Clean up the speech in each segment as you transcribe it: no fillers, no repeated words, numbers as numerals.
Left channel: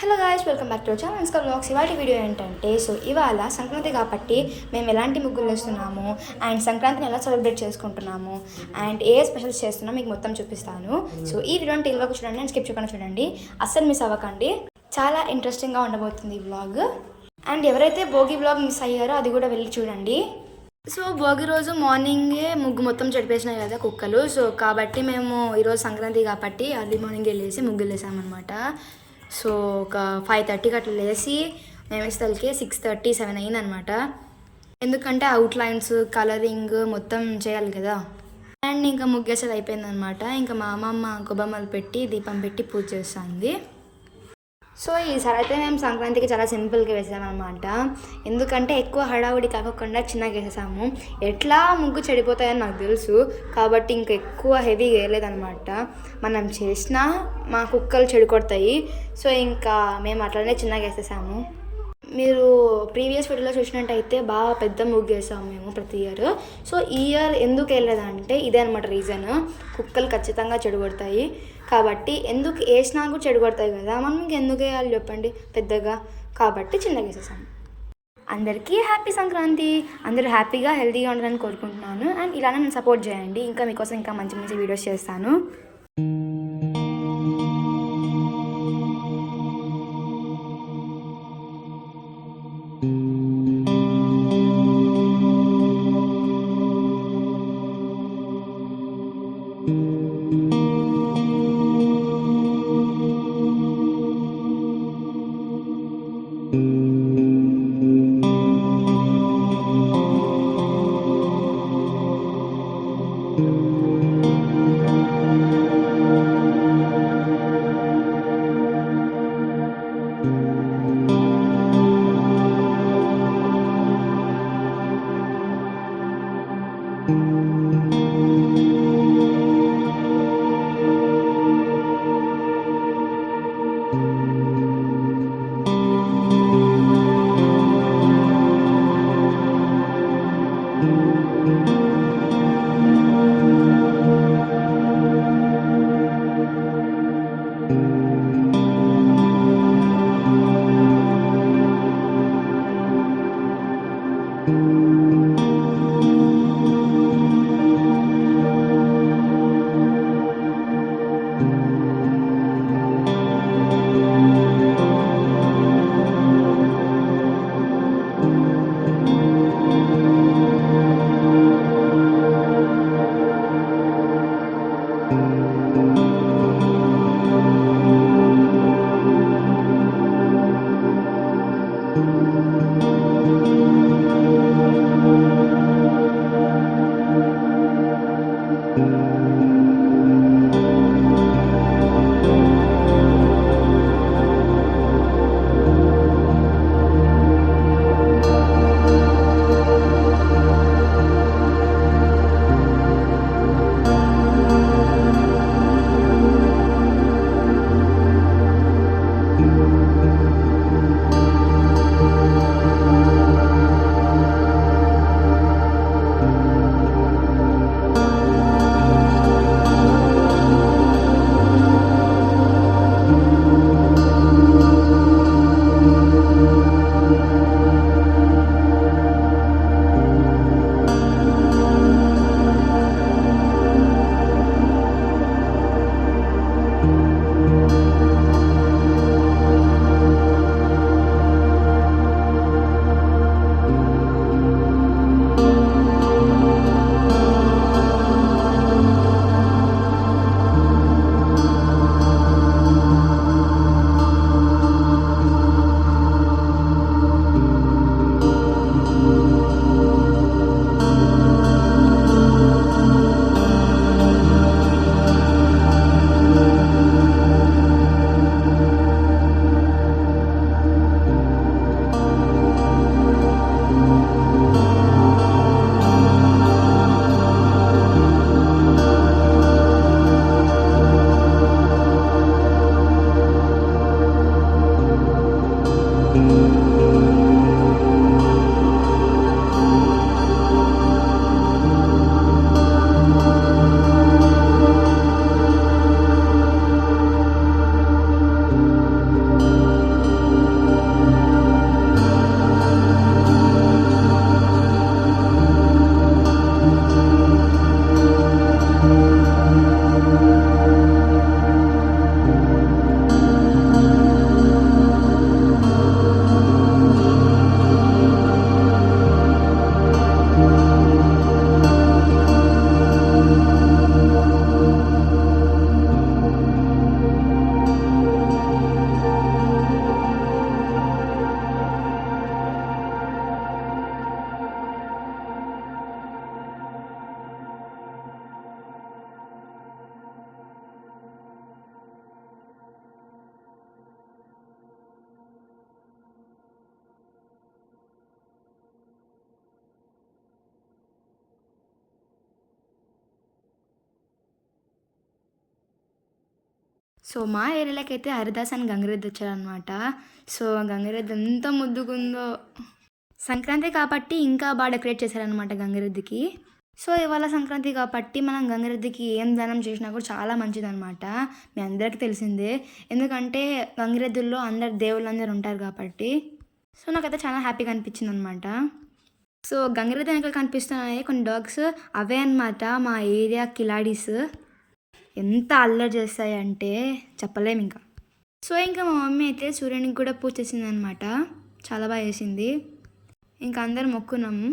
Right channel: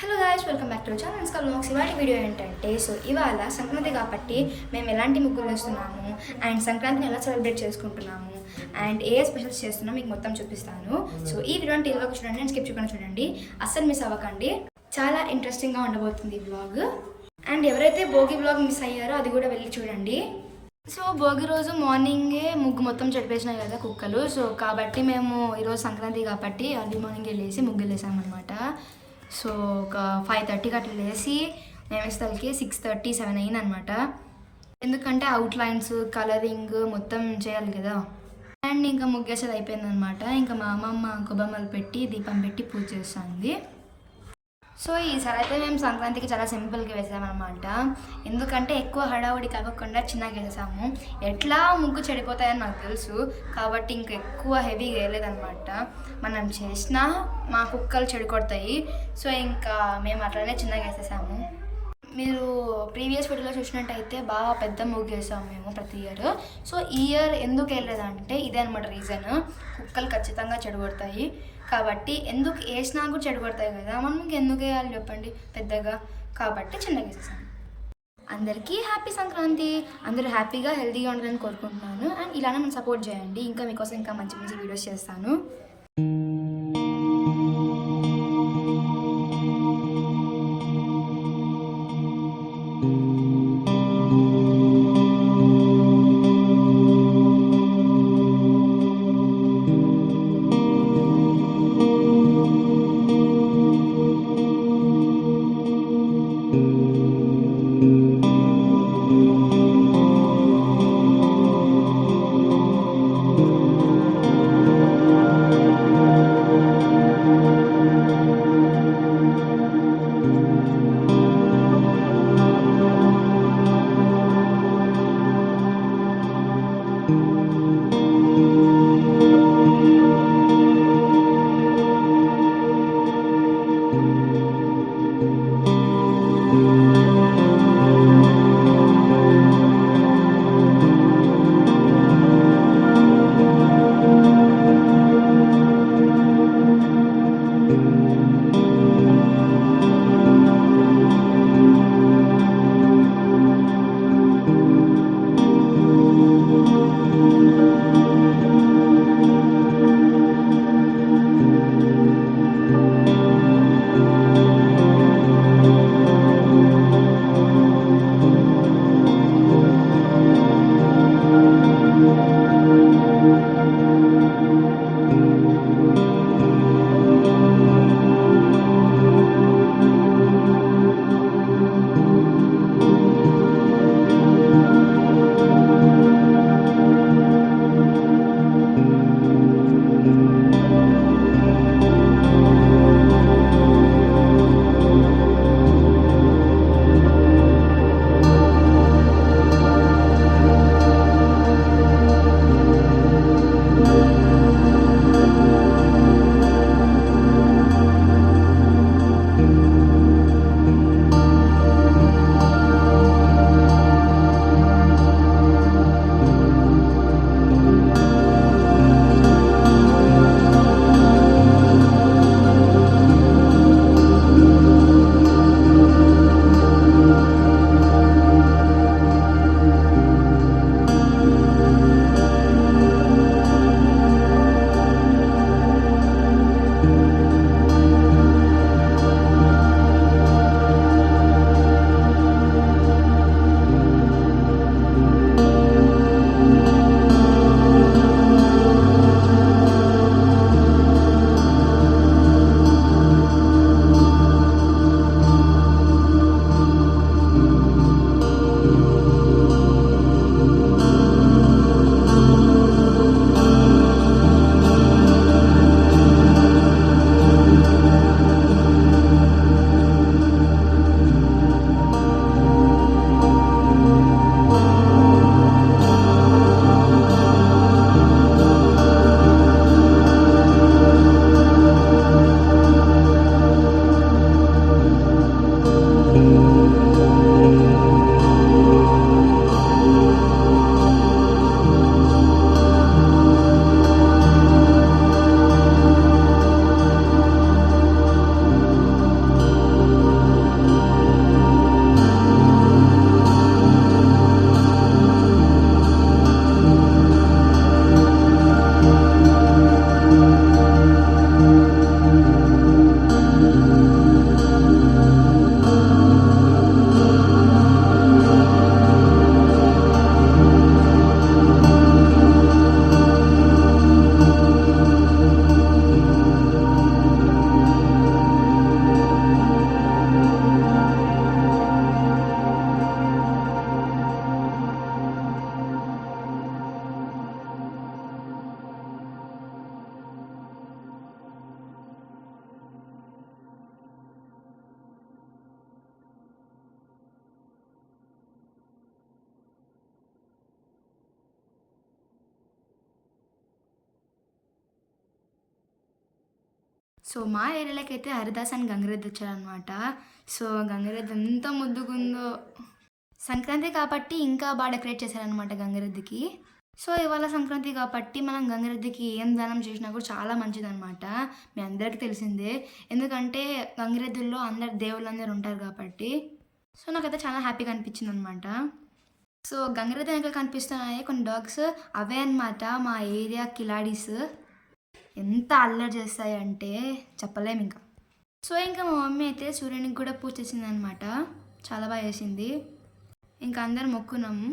Hello guys, welcome back to channel Anushka vlogs. ఇవాళ video ఏంటంటే ఇవాళ సంక్రాంతి కాబట్టి మేము ఎలాంటి ముగ్గులు వేస్తున్నాము అండ్ సంక్రాంతిని ఎలా సెలబ్రేట్ చేసుకుంటున్నాము అండ్ ఏ స్పెషల్స్ చేస్తున్నామో మీకు మొత్తం చూపిస్తాను. సో ఈ వీడియోని టీవీ వరకు చూడండి అండ్ స్కిప్ చేయకుండా చూడండి, అస్సలు మిస్ అవ్వకండి. చాలా ఇంట్రెస్టింగ్గా ఉండబోతుంది ఈ వ్లాగ్. అండ్ ఎవరైతే భోగి వ్లాగ్ మిస్ అయ్యారో అది కూడా వెళ్ళి చూడండి. సో భోగి రోజు మార్నింగే ముగ్గు మొత్తం చెడిపేసినాయి కదా కుక్కలు. సో కాబట్టి మేము ఈరోజు సంక్రాంతి కాబట్టి అర్లీ మార్నింగ్ వెళ్ళేసి ముగ్గులు వేసామన్నమాట. సో ఒక 5:30కి అట్లా లేసి మేము వేసేసరికి 6:30, 7 అయిందనమాట. ఎందుకంటే అవుట్లైన్స్ కలరింగ్ మొత్తం చేయాలి కదా. అండ్ ఇంకా ముగ్గేసేది అయిపోయిందనమాట. ఇంకా మా అమ్మమ్మ గొబ్బమ్మలు పెట్టి దీపం పెట్టి పూజ చేస్తుంది. సో ఈసారి అయితే మేము సంక్రాంతికి చాలా సింపుల్గా వేసామన్నమాట. ఎందుకంటే ఎక్కువ హడావుడి కాకుండా చిన్నగా వేసాము. ఎట్లా ముగ్గు చెడిపోతాయని నాకు తెలుసు కాబట్టి ఇంకా ఎక్కువ హెవీగా వేయలేదన్నమాట. మనం చేసినా మా కుక్కలు చెడికొడతాయి. సో ఇంకా మేము అట్లనే చిన్నగా వేసేసాము. మీరు ప్రీవియస్ వీడియోలో చూసినట్టయితే బాగా పెద్ద ముగ్గు వేసాము మేము ప్రతి ఇయర్. సో ఈ ఇయర్ ఎందుకు వేయలేదంటే ఇదే అనమాట రీజన్. కుక్కలు ఖచ్చితంగా చెడగొడతాయి కాబట్టి ఎందుకు వేసినా కూడా చెడగొడతాయి కదా, మనకి ఎందుకు వేయాలి చెప్పండి పెద్దగా. కాబట్టి చిన్నగా వేసేసాను. అందరికీ హ్యాపీ సంక్రాంతి. అందరూ హ్యాపీగా హెల్తీగా ఉండాలని కోరుకుంటున్నాను. అండ్ ఇలానే నేను సపోర్ట్ చేయండి. ఇంకా మీకోసం ఇంకా మంచి మంచి వీడియోస్ చేస్తాను. సో మా ఏరియాలోకి అయితే హరిదాస్ అని గంగిరెద్దు వచ్చాడనమాట. సో గంగిరెద్దు ఎంత ముద్దుగుందో. సంక్రాంతి కాబట్టి ఇంకా బాగా డెకరేట్ చేశారనమాట గంగిరెద్దుకి. సో ఇవాళ సంక్రాంతి కాబట్టి మనం గంగిరెద్దుకి ఏం దానం చేసినా కూడా చాలా మంచిదనమాట. మీ అందరికీ తెలిసిందే. ఎందుకంటే గంగిరెద్దుల్లో అందరు దేవుళ్ళందరూ ఉంటారు కాబట్టి. సో నాకైతే చాలా హ్యాపీగా అనిపించిందనమాట. సో గంగిరెద్దు వెనకాల కనిపిస్తున్నాయి కొన్ని డాగ్స్, అవే అనమాట మా ఏరియా కిలాడీస్. ఎంత అల్లరి చేస్తాయంటే చెప్పలేము ఇంకా. సో ఇంకా మా మమ్మీ అయితే సూర్యునికి కూడా పూజ చేసిందనమాట. చాలా బాగా చేసింది. ఇంకా అందరం మొక్కున్నాము.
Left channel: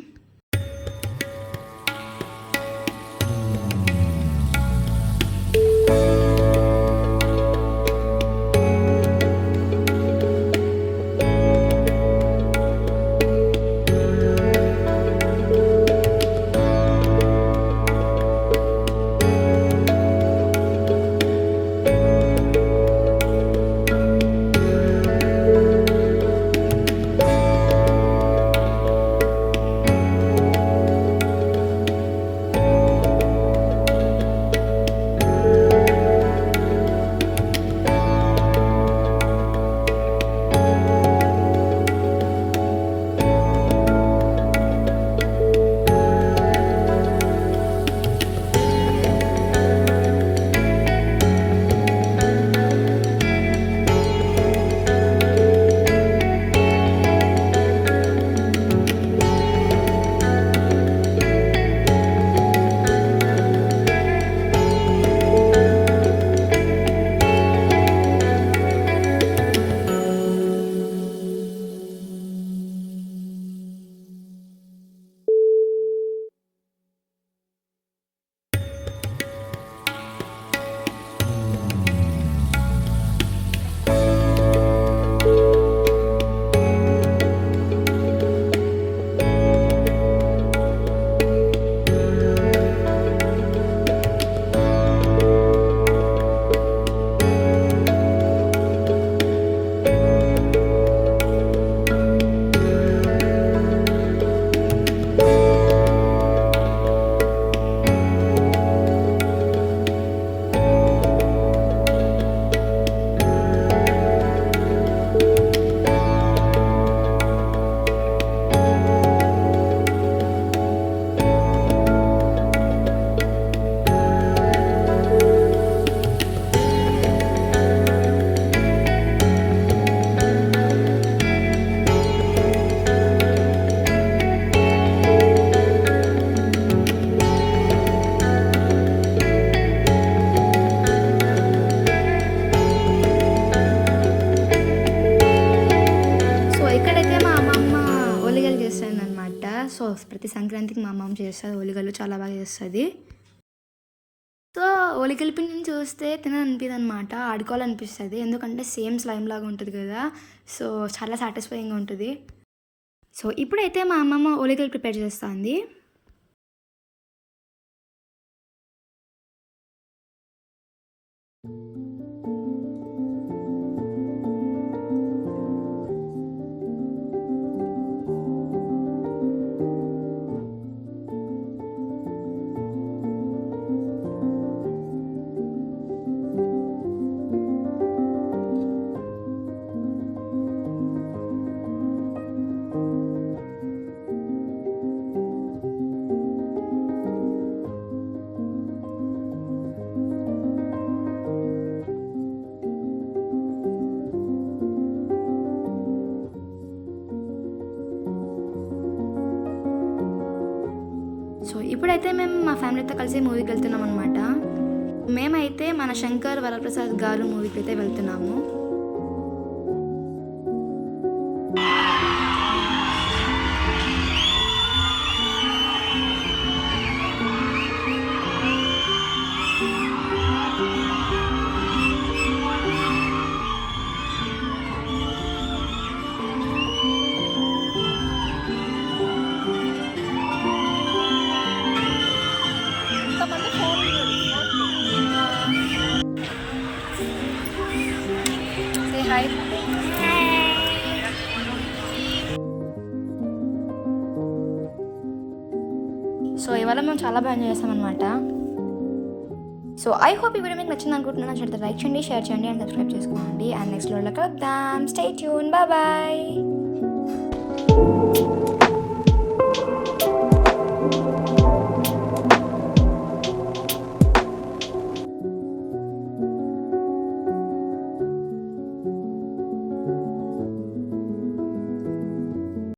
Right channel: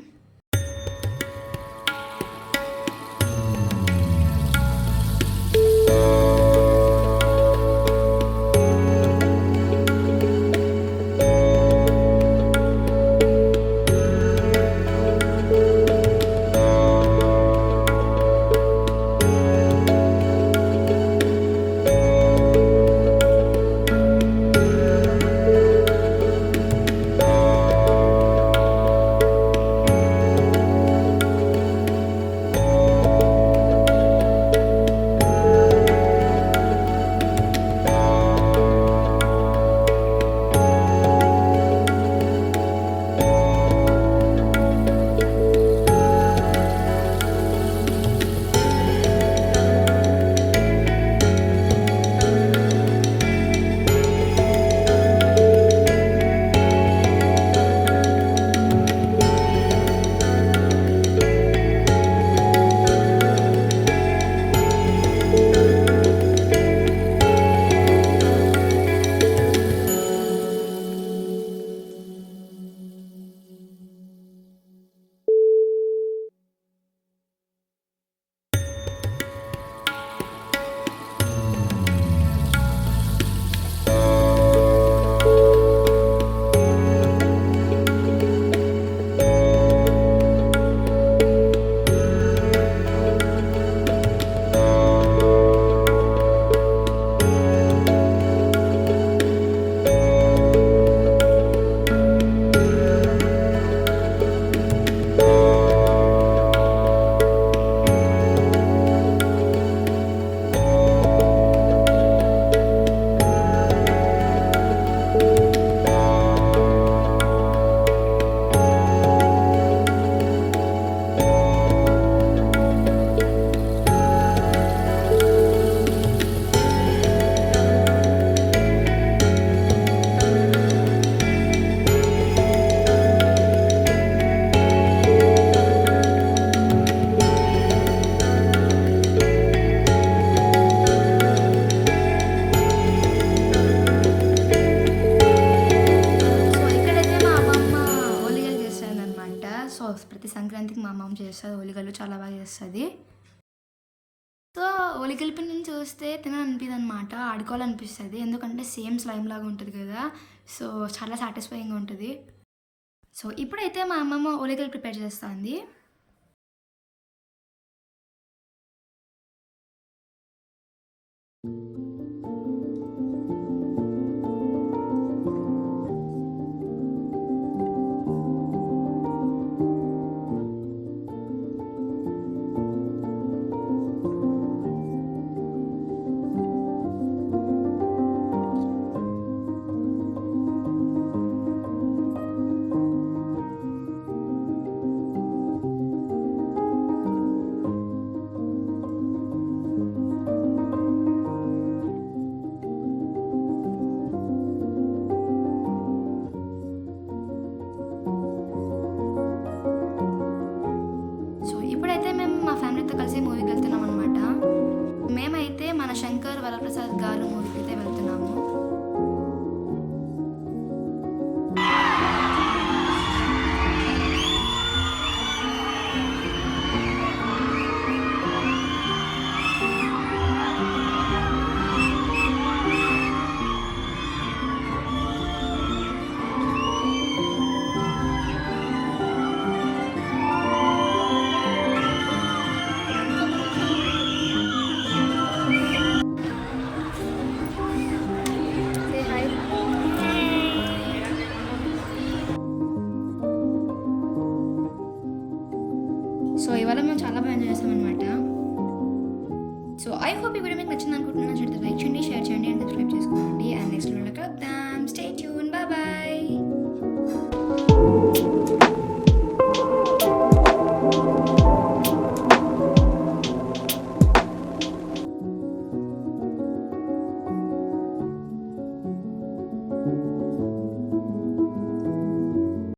ప్రతి సంక్రాంతికి మా అమ్మమ్మ చేస్తుంది ఓలిగలు, చాలా బాగా చేస్తుంది. సో ఓలిగల పిండిని చూస్తే తినాలనిపిస్తుంది అనమాట, ఆడుకోవాలనిపిస్తుంది. ఎందుకంటే సేమ్ స్లైమ్ లాగా ఉంటుంది కదా, సో చాలా సాటిస్ఫైయింగ్గా ఉంటుంది. సో ఇప్పుడైతే మా అమ్మమ్మ ఓలిగలు ప్రిపేర్ చేస్తుంది. ఇప్పుడైతే మేము మా ఫ్యామిలీతో కలిసి మూవీకి వెళ్తున్నాం అనమాట. మేమైతే మన శంకర్ వరప్రసాద్ గారు మూవీకి అయితే వెళ్తున్నాము. సో ఇవాళ మేము చాలా బాగా ఎంజాయ్ చేస్తామన్నమాట. సో సో ఐ హోప్ ఈ వీడియో మీకు నచ్చింది అనుకుంటున్నాను. నచ్చితే లైక్ చేయండి, షేర్ చేయండి అండ్ సబ్స్క్రైబ్ చేసుకోండి. అండ్ నెక్స్ట్ వీడియోలో కలుద్దాం. Stay tune, bye bye.